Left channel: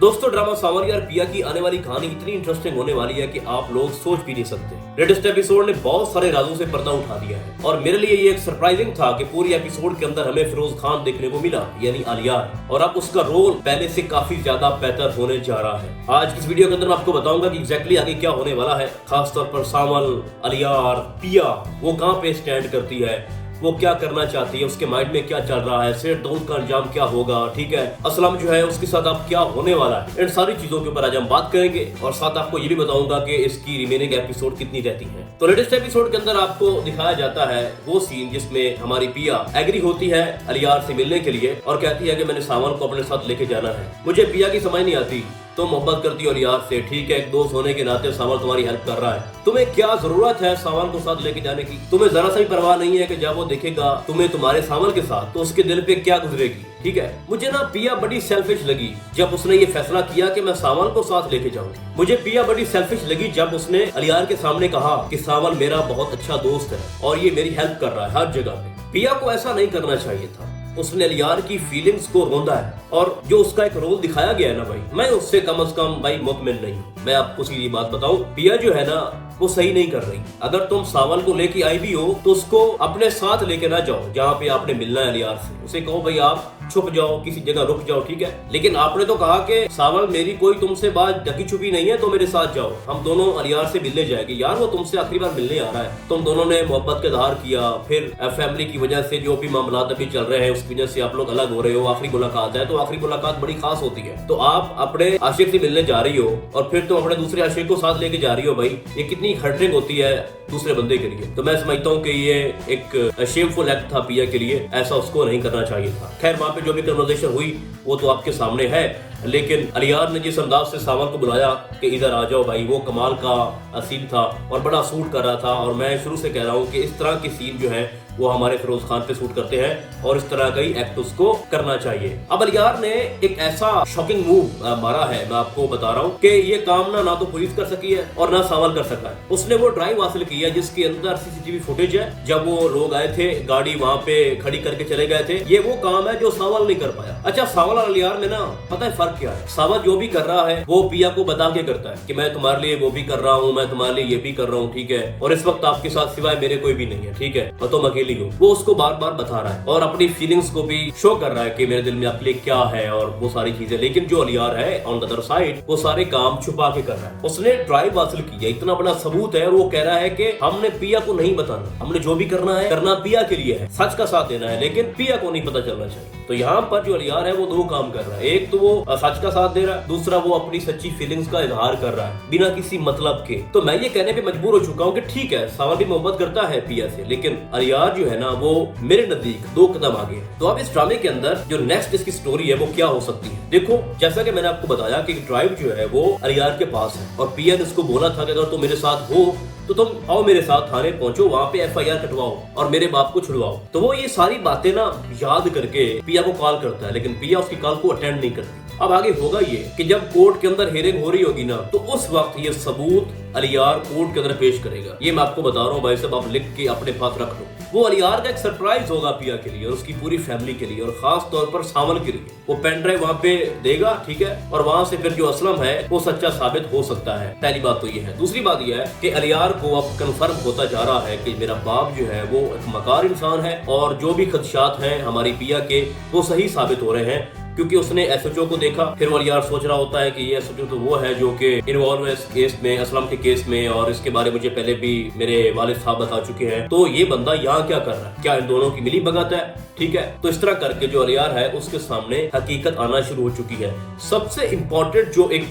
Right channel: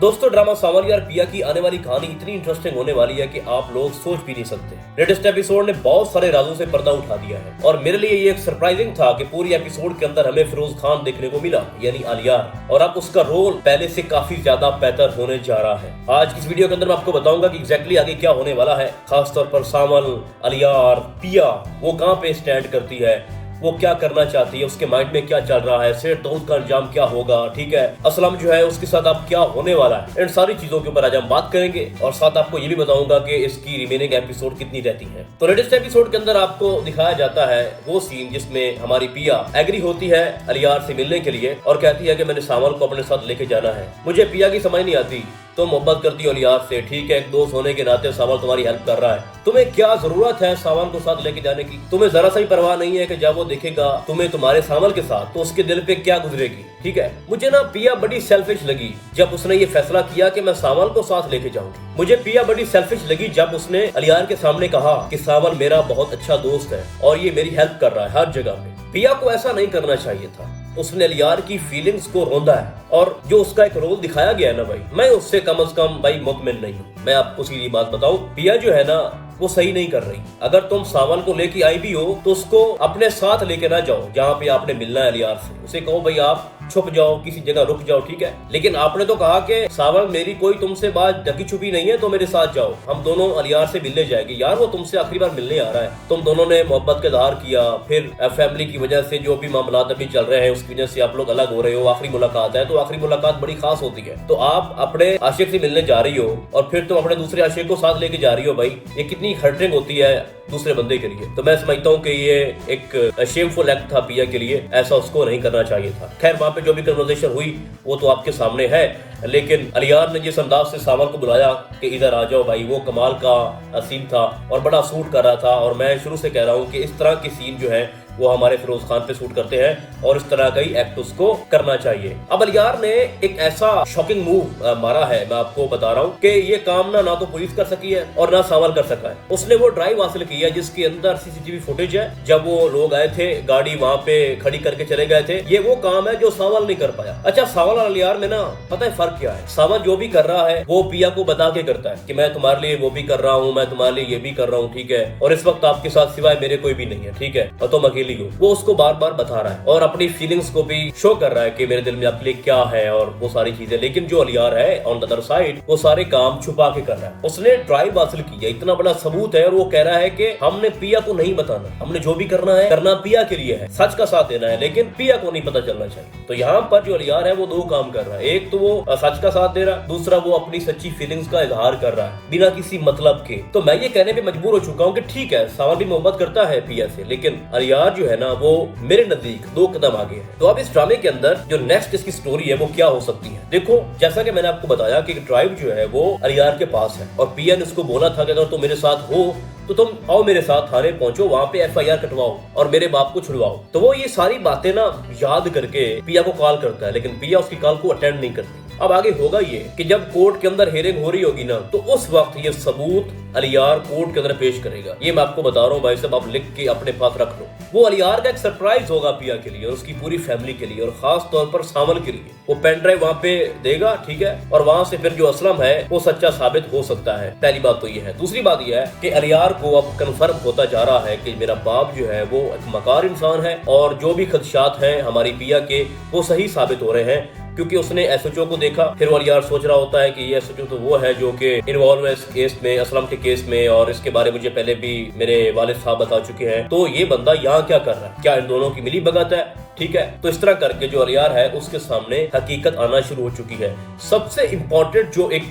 दोस्तों ड्रामा सावन यार पिया की आने वाली कहानी इतनी इंटरेस्टिंग होने वाली है कि आप लोग सोच भी नहीं सकते। लेटेस्ट एपिसोड ने बहुत सारे राजों से पर्दा उठा दिया है और मेरे लिए ये एक सरप्राइजिंग था कि पूरी एपिसोड के अंदर हमें फिरोज खान देखने को मिला, यानी अलियार, और अब उसका रोल पहले से काफी ज्यादा बेहतर होने जा रहा है। आज की इस वीडियो के अंदर मैं आपको बताऊंगा कि एग्जैक्टली आगे क्या होने वाला है, खासतौर पर सावन, अलियार, पिया वो कहाँ पे स्टैंड करती है, वो क्या करना चाहती है, उसके माइंड में क्या चल रहा है, सेठ दौलत का अंजाम क्या होगा, ठीक है, असलम जो है उसके साथ अब क्या होने वाला है, इन सारी चीजों के ऊपर आज हम बात करेंगे और साथ आपको ये भी बताऊंगा कि इसकी रिमेनिंग एपिसोड कितनी रहती है। तो लेटेस्ट एपिसोड के अंदर आपको दिखाया जाता है वो सीन जिसमें हमारी पिया एग्री होती है अलियार से मिलने के लिए और कहती है कि मैंने सावन को अपने साथ लेके जाना है। मुझे पिया की समझ नहीं आती, तो मोहब्बत करती हो अलियार से, ठीक है, एक दोस्त होने के नाते सावन तुम्हारी हेल्प कर रहा है, तुम्हें क्या जरूरत है सावन को साथ लेके जाने की, तुम्हें जरा सा ही परवाह नहीं है कि जब वो देखेगा तुम्हें तुम्हारे सावन के साथ तो उसके दिल पे क्या गुजरेगी, ठीक है। मुझे ना पिया बड़ी सेल्फिश लगी जब उसने ये फैसला किया कि मैं सावन को साथ लेके जाऊंगी। मुझे पिया बड़ी सेल्फिश लगी जब उसने अलियार के सामने कहा कि सावन मेरा बहुत अच्छा दोस्त है और ये मेरी हेल्प कर रहा है हर जगह पे। पिया को ऐसा नहीं करना चाहिए था, उसने अलियार की फीलिंग्स को रोंदा है और जो उसका एक रोल दिखाया गया है ना भाई, मैं उससे कम से कम भाई मुतमिन नहीं हूँ। मैं आपको सीधी बात बताऊं, पिया जो है ना वो सही नहीं कर रही। अगर तुम सावन को लेके आई भी हो तो उसको अपने साथ लेके ना जाओ जहाँ पे आपने मिलना है अलियार से, उसे कहो भाई आप छुप जाओ, किसी जगह रुक जाओ, ठीक है। लेकिन आपने तो कहा कि सावन मेरी कोई तुमसे बात ढकी छुपी नहीं है तो मेरे साथ जाओ, हम दोनों अलियार से मिलने जाएंगे। यार वो तुमसे आखिरी बार मिलने आ रहा है, तुम दोनों ने मोहब्बत का इजहार किया, फिर फैमिली की वजह से जो भी मामला अभी चल रहे हैं उसकी वजह से आप लोग अलग हो रहे हो, आखिरी मुलाकात है तो आखिरी मुलाकात बड़ी खास होती है। तो आप अपने आशिक से मिलने जा रही हो और फिर तुम अपने दूसरे आशिक को साथ लेके जा रही हो, भाई ये कितनी हर्टिंग होती है दूसरे बंदे के लिए। तो मैं समझता हूँ कि ये एक शेमफुल एक्ट था पिया के लिए, ऐसा उसको नहीं करना चाहिए था। खैर वहां पे जो भी कन्वर्सेशन हुई वो तो आपके सामने है, लेकिन अलियार ने जिस अंदाज से सावन को बुलाया कि इधर आ जाओ भाई, वो कमाल का सीन था और बड़ा सूट कर रहा था। और मैं शुरू से कह रहा हूँ कि इस तरह के सीन जो है वो हमारे फिरोज खान पे सूट करते हैं और इस तरह का ही एक्ट उसको करना चाहिए। अब अलियार ने एक ऐसा शॉकिंग मूव मारा है, मैं आपको बता रहा हूँ कि ये काम ना तो पुलिस कर सकी है और ना सावन कर सका है। उसने वो ड्राइव हासिल की है जिसके अंदर सीसीटीवी फुटेज है, जब वो लोग आए थे गाड़ी वहाँ पे खड़ी करके चले गए थे। ये वो काम है जो सावन नहीं कर पाया। अच्छा, सावन और अलियार में ना पता है फर्क क्या है, सावन जो भी कर रहा है वो पिया को बता के करता है कि मैं तुम्हारे लिए वो भी कर रहा हूँ, मैं तुम्हारे लिए ये भी कर रहा हूँ, ठीक है, और इस वक्त आपके साथ सिवाय मेरे कोई भी नहीं है, ठीक है, और तुम अकेली हो। वो उसको बार बार बता रहा है और अपनी फीलिंग्स को भी शो कर रहा है कि मेरे दिल में आपके लिए क्या है और वो सारी चीजें। लेकिन जो अलियार है ऑन द अदर साइड वो सारे काम छुपा के कर रहा है। उसने ड्राइव हासिल की है, इतना बड़ा सबूत है और वो कह रहा है कि हमने पिया को नहीं बताना, हमने जो भी करना है करना पिया के लिए है, सच का साथ देना है, लेकिन पिया को नहीं पता चलना चाहिए। तो यहाँ पर जो अलियार है वो दो काम कर रहा है, एक तो वो सच का साथ दे रहा है, दूसरा वो अपनी सच्ची फीलिंग्स का इजहार कर रहा है बिना किसी मतलब के। तो मैं ये कहने पे मजबूर हो चुका हूँ कि ठीक है सावन भी मोहब्बत करता है पिया से, लेकिन अलियार जो है ना वो मेरे नजदीक दो कदम आगे है। तो अब इस ड्रामे के अंदर जो नेक्स्ट इसकी स्टोरी है वो क्या हो सकती है। देखो जैसा कि मैंने आपको बताया कि ड्राइव जो है वो अलियार के पास है और पिया ने उसको बोला था कि अगर तुम मेरे साथ हो तो तुम आओ मेरे साथ थाने पहुंचो, वहाँ पे FIR कटवाओ और मेरे बाप को छुड़वाओ। तो वो ये सारी बातें ना याद करके पिया को कॉल करता है, लेकिन पिया उसकी कॉल को अटेंड नहीं करती। अब आगे होगा ये कि जब कोर्ट के अंदर हियरिंग हो रही होगी ना तो उस वक्त ये सबूत अलियार कोर्ट के अंदर पेश करेगा। ये मैं आपको बता रहा हूँ भाई साहब, आप लिख के अपने पास रख लो। वो अलियार का एक सरप्राइज होगा पिया के लिए और उसकी पूरी फैमिली के लिए और खास तौर पर सावन के लिए। वो पेन ड्राइव वहाँ पे देगा, ठीक है, और वहाँ से फिर जो असलम है वो सच्चा साबित हो सकता है। पहली बात तो ये है। दूसरी बात ये है कि अलियार को अब कंफर्म होता जा रहा है कि मेरा बाप जो है वो एक मकार इंसान है और जो भी खदशात हैं हमारी पिया के वो सही साबित हो रहे हैं, क्योंकि उसने SHO को देखा। फिर वो अलियार सोच रहा होता है कि ये SHO तो वो है जो कि इन्वॉल्व है इस केस में, असलम के केस में, और इसके बारे में मुझे पहले भी मेरे वालिद साहब बता चुके हैं, तो ये बंदा यहाँ क्या कर रहा है, क्या इन दोनों की मिली भगत है, ठीक है। तो इस तरह करके जो अलियार है उसके सामने हकीकत आना शुरू हो चुकी है। सबसे इम्पोर्टेंट जो एक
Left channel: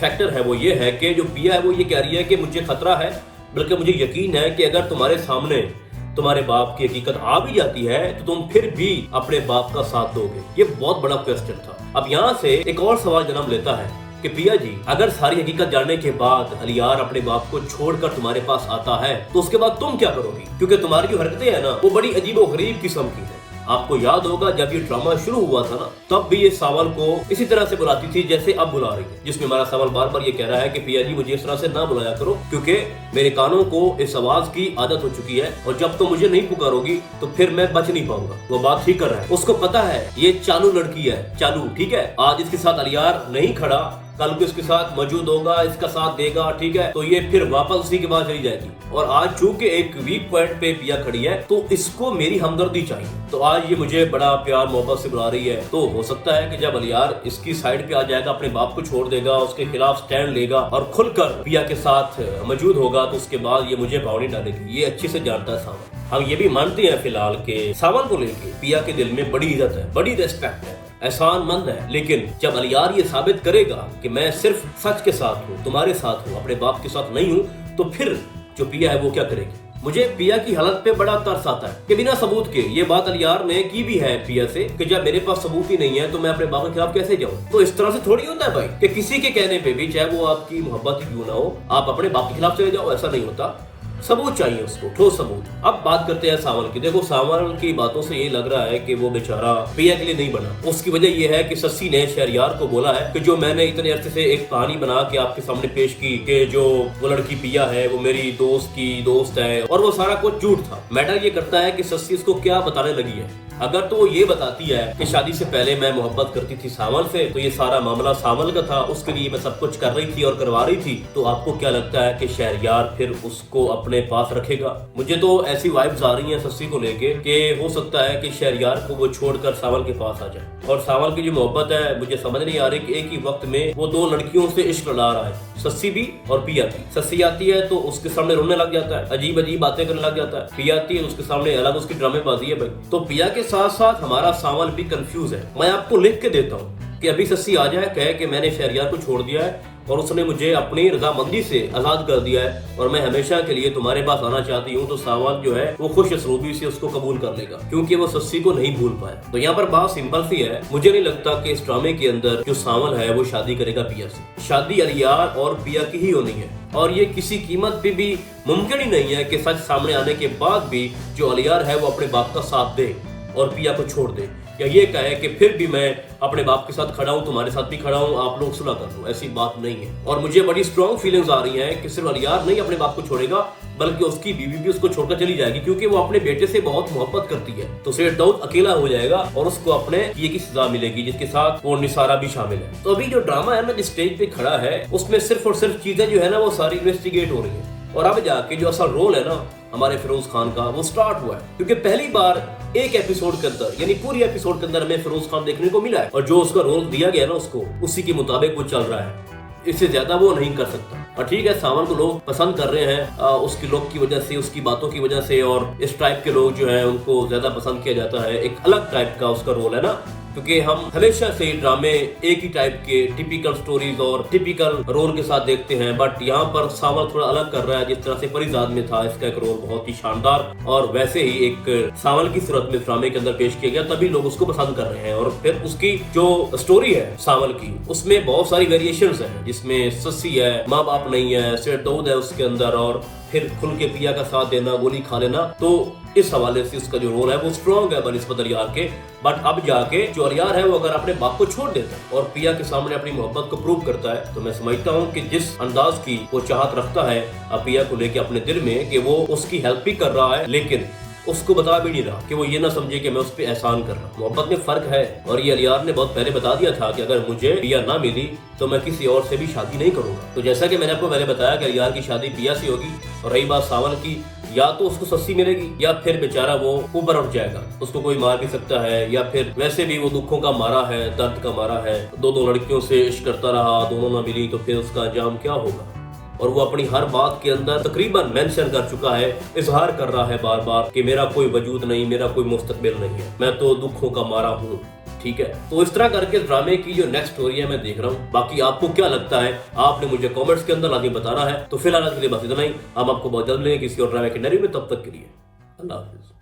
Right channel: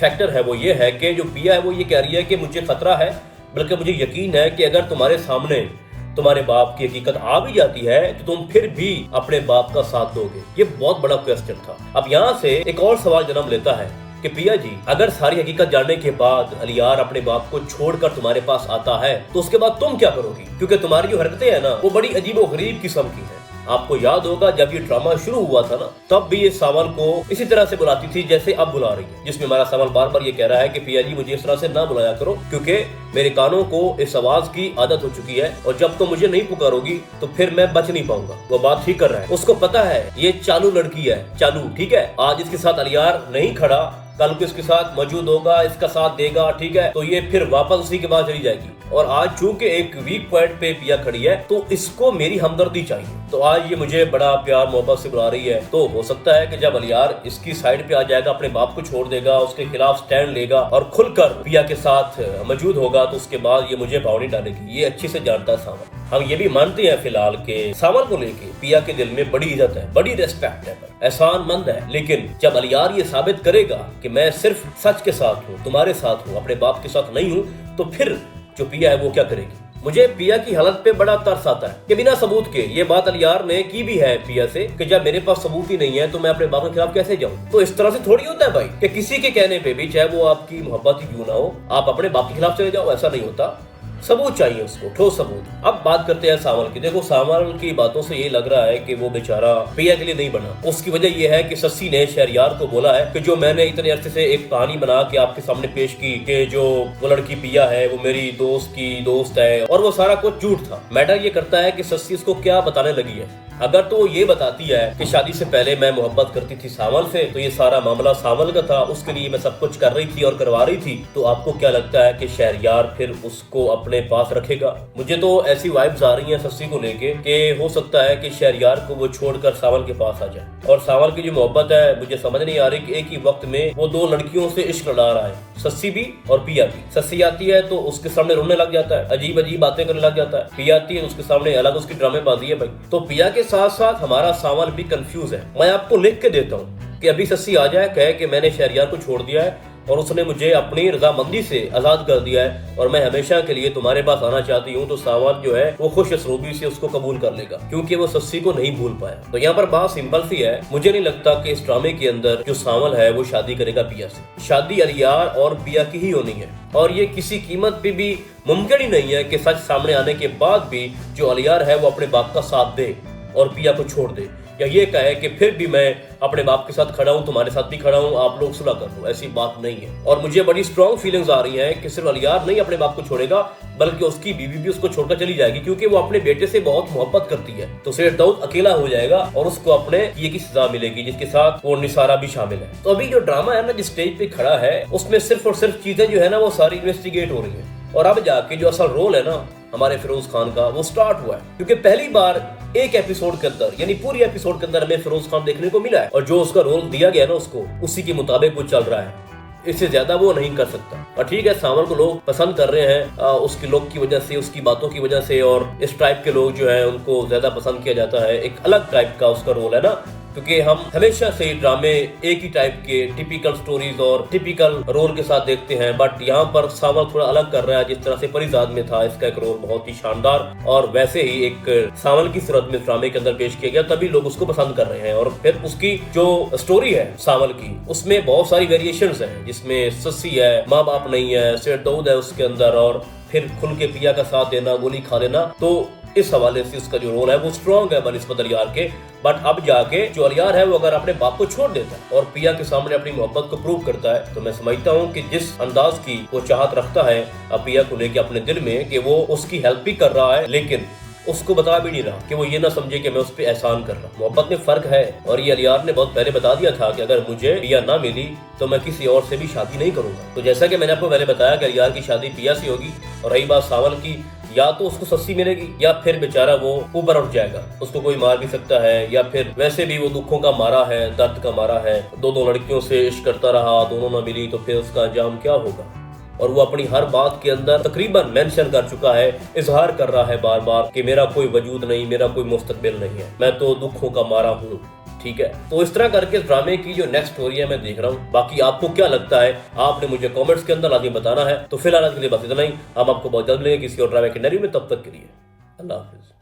फैक्टर है वो ये है कि जो पिया है वो ये कह रही है कि मुझे खतरा है, बल्कि मुझे यकीन है कि अगर तुम्हारे सामने तुम्हारे बाप की हकीकत आ भी जाती है तो तुम फिर भी अपने बाप का साथ दोगे। ये बहुत बड़ा क्वेश्चन था। अब यहाँ से एक और सवाल जन्म लेता है कि पिया जी, अगर सारी हकीकत जानने के बाद अलियार अपने बाप को छोड़कर तुम्हारे पास आता है तो उसके बाद तुम क्या करोगी, क्योंकि तुम्हारी जो हरकतें हैं ना वो बड़ी अजीब और गरीब किस्म की है। आपको याद होगा जब ये ड्रामा शुरू हुआ था ना, तब भी ये सावल को इसी तरह से बुलाती थी जैसे अब बुला रही है, जिसमें हमारा सावल बार बार ये कह रहा है कि पिया जी मुझे इस तरह से ना बुलाया करो, क्योंकि मेरे कानों को इस आवाज की आदत हो चुकी है और जब तो मुझे नहीं पुकारोगी तो फिर मैं बच नहीं पाऊंगा। वो बात ठीक कर रहा है, उसको पता है ये चालू लड़की है, चालू, ठीक है। आज इसके साथ अलियार नहीं खड़ा, कल को इसके साथ मौजूद होगा, इसका साथ देगा, ठीक है, तो ये फिर वापस उसी के बाद चली जाएगी। और आज चूंकि एक वीक पॉइंट पे पिया खड़ी है तो इसको मेरी हमदर्दी चाहिए, तो आज ये मुझे बड़ा प्यार मोहब्बत से बुला रही है। तो हो सकता है कि जब अलियार इसकी साइड पे आ जाएगा, अपने बाप को छोड़ देगा, उसके खिलाफ स्टैंड लेगा और खुलकर पिया के साथ मौजूद होगा, तो उसके बाद ये मुझे भावनी डालेगी। ये अच्छी से जानता है सावल। हम ये भी मानते हैं फिलहाल के सावल को लेके पिया के दिल में बड़ी इज्जत है, बड़ी रेस्पेक्ट है, एहसान मंद है। लेकिन जब अलियार ये साबित करेगा कि मैं सिर्फ सच के साथ हूँ, तुम्हारे साथ हूँ, अपने बाप के साथ नहीं हूँ, तो फिर जो पिया है वो क्या करेगी। मुझे पिया की हालत पे बड़ा तरस आता है कि बिना सबूत के, ये बात अलियार ने की भी है पिया से, कि जब मेरे पास सबूत ही नहीं है तो मैं अपने बाप के खिलाफ कैसे जाऊं। तो इस तरह से थोड़ी होता है भाई कि किसी के कहने पे भी, चाहे वो आपकी मोहब्बत ही क्यों ना हो, आप अपने बाप के खिलाफ चले जाओ, ऐसा नहीं होता। सबूत चाहिए उसको, ठोस सबूत। अब बात करते हैं सावल की। देखो सावल की बातों से ये लग रहा है कि वो बेचारा पिया के लिए नहीं बना। उसकी वजह ये है कि सस्सी ने शहरयार को बोला है कि जो मैंने इतने अरसे से एक कहानी बना के आपके सामने पेश की कि जो वो लड़की पिया है वो मेरी दोस्त की दोस्त है, और वो सारा कुछ झूठ था। मैटर ये करता है कि सस्सी उसको क्या बताने लगी है। अगर तो वो ये बताती है कि शादी से पहले मैं मोहब्बत करती थी सावल से, तो ये सारा मामला सावल का था, उसके लिए मैं सब कुछ कर रही थी और करवा रही थी, तो आपको क्या लगता है कि शहरयार फिर उसको अपने पास रखेगा? मुझे तो ऐसी वाइब्स आ रही हैं सस्सी को लेके कि हो सकता है कि शहरयार को वो छोड़कर सावल के पास आ जाए। और सावल की जो मोहब्बत है, मुझे समझ नहीं आ रही कि एक ही वक्त में वो दो लड़कियों से इश्क लड़ा रहा है, सस्सी भी और पिया भी। सस्सी आती है तो उसके सामने रोने लग जाता है, अजीब अजीब बातें करने लग जाता है। पिया आती है उसके सामने अलग उसकी ड्रामेबाजी है भाई। तो पिया के साथ साथ हमारा सावल भी कंफ्यूज है। मैं आपको लिख के देता हूँ कि अभी सस्सी आ जाए, कहे कि मैंने शहरयार को छोड़ दिया है और उसने मुझे अपनी रजामंदी से आजाद कर दिया है और मैं हमेशा के लिए तुम्हारे पास आना चाहती हूँ, तो सावल जो है वो खुश असलूबी से उसको कबूल कर लेगा, क्योंकि वो सस्सी को नहीं भूल पाया। तो यहाँ पर बात सिंपल सी है, मुझे नहीं लगता कि इस ड्रामे के अंदर जो सावल है वो शादी करेगा पिया से। शादी अलियार और पिया की ही होनी है, और ये किसी कीमत पे भी मुमकिन ही नहीं है कि सच सामने आने के बाद भी जो अलियार है वो अपने बाप का साथ दे और पिया को छोड़ दे, या ये कहे कि फिर भी मैं अपने बाप के साथ खड़ा हूँ, तुम्हारे साथ भी खड़ा हूँ, आप लोग सुलह कर लो। ऐसी बात नहीं है। और मुझे बड़ी स्ट्रॉन्ग फीलिंग्स आ रही हैं कि सिर्फ अलियार नहीं अपने बाप को छोड़ेगा, बल्कि उसकी बीवी भी उसको छोड़कर चली जाएगी, क्योंकि वो अपने बेटे से बहुत मोहब्बत करती है। तो सेठ दाऊद अकेला हो जाएगा और उसको अपने किए की सजा मिलेगी, जिसके साथ वो निसारा भी शामिल है। तो अभी जो ड्रामा है ना, जिस स्टेज पे खड़ा है, उसमें सिर्फ और सिर्फ चीजें जो है ना वो सारी इन्वेस्टिगेट हो रही है, और अब जाके जो असल रोल है ना हमारे फिरोज खान का, वो स्टार्ट हुआ है। क्योंकि पहली बार एक एपिसोड के अंदर, यानी पूरी एपिसोड के अंदर हमें फिरोज खान देखने को मिला है, और जो उसका रोल दिया गया ना उसको, उसी के मुताबिक वो चल रहा है। इससे ज्यादा वो नहीं कर सकता। और ठीक है, सावल को लोग पसंद कर रहे हैं उसकी लुक की वजह से, उसकी बातों की वजह से, और इस टाइप के लोग जो है उनको ज्यादा पसंद किया जाता है। एक अलग टाइप का उसका रोल है ना, क्योंकि हम हमेशा से ड्रामे एक ही टाइप के टिपिकल स्टोरीज और टिपिकल रोल के साथ देखते हैं, बट यहाँ पर सावल थोड़ा अलग कर रहा है। जिस तरह से परिजाद में था इसका एक रोल बहुत ही शानदार, और वैसे ही एक सावल की सूरत में ड्रामे के अंदर पेश किया गया, तभी लोग उसको पसंद कर रहे हैं। और फिर उसकी जो स्टोरी है सावल की, उसमें बहुत सारी वेरिएशंस हैं, जिसमें सस्सी है, माँ बाप नहीं है, सेठ दाऊद है उसके अंदर, और फिर खुल के पिया का साथ देना, गोली खा लेना। तो इस हवाले से उसका जो रोल है वो स्ट्रॉन्ग है बनिस्बत अलियार के। बट अब जाके जो अलियार है वो अगर अपने बाप को छोड़ देता है और पिया के सामने अपनी मोहब्बत को प्रूव करता है, तो मैं समझता हूँ कि जिस अंदाज की वो चाहत रखता है पिया को लेके अपने दिल में, कि वो उसकी हेल्प भी कर रहा है, लेकिन उसको बता भी नहीं रहा कि वो ये ना समझे कि मैं उस पर एहसान कर रहा हूँ। मोहब्बत में फर्क है, और ये अलियार ने बहुत पहले बता दिया था कि अगर मुझे पिया ना मिली तो मैं किसी और से भी शादी नहीं करूंगा। तो जैसा कि मैंने आपको पहले बताया कि अलियार की शादी पिया से होगी, और रही बात सावल की, या तो उसको सस्सी मिलेगी या फिर बेचारा वो ऊपर उठ जाएगा, उसको कोई मार भी सकता है, या फिर वैसे भी वो दुखों का मारा है, दर्द का मारा है, दो लड़कियों से इश्क करता रहा, दोनों ना मिली, तो फिर उसका अंजाम क्या होगा। और वो अपनी हर बात के अंदर तकरीबन मेंशन कर चुका है, इजहार कर रहा है बार बार कि मेरा कोई वजूद नहीं, मेरा कोई मुस्तकबिल नहीं है, मैं तो दुखों का मारा हूँ। ठीक है, तो इस तरह करके ड्रामे की जो नेक्स्ट स्टोरी है मैं देख रहा हूँ। बाकी आपको क्या लगता है, आपने मुझे कमेंट्स के अंदर लाजमी बताना है। तो फिलहाल आज के लिए बस इतना ही, हम आपको बहुत जल्द मिलेंगे किसी और ड्रामे के नए में। तब तक के लिए अल्लाह हाफिज।